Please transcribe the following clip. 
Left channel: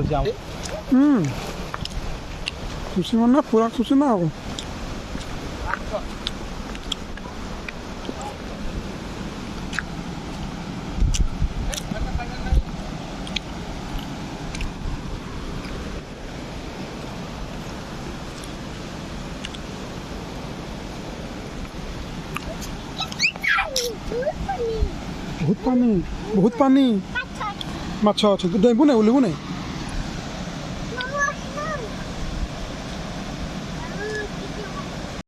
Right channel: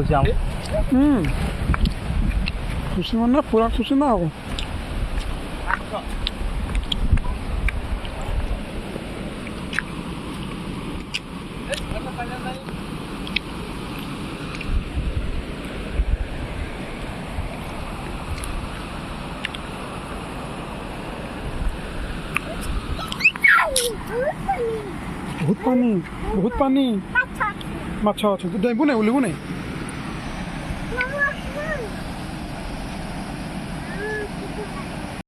ହେଉଛି ଖୁସି ମାନେ ପୁରା ଖୁସି ନା ଆଉ ବହୁତ ପାଣି ମାଛ ଅଛି ତୁ ଡେଇଁବୁ ନାହିଁ ଓହ୍ଲିବୁ ନାହିଁ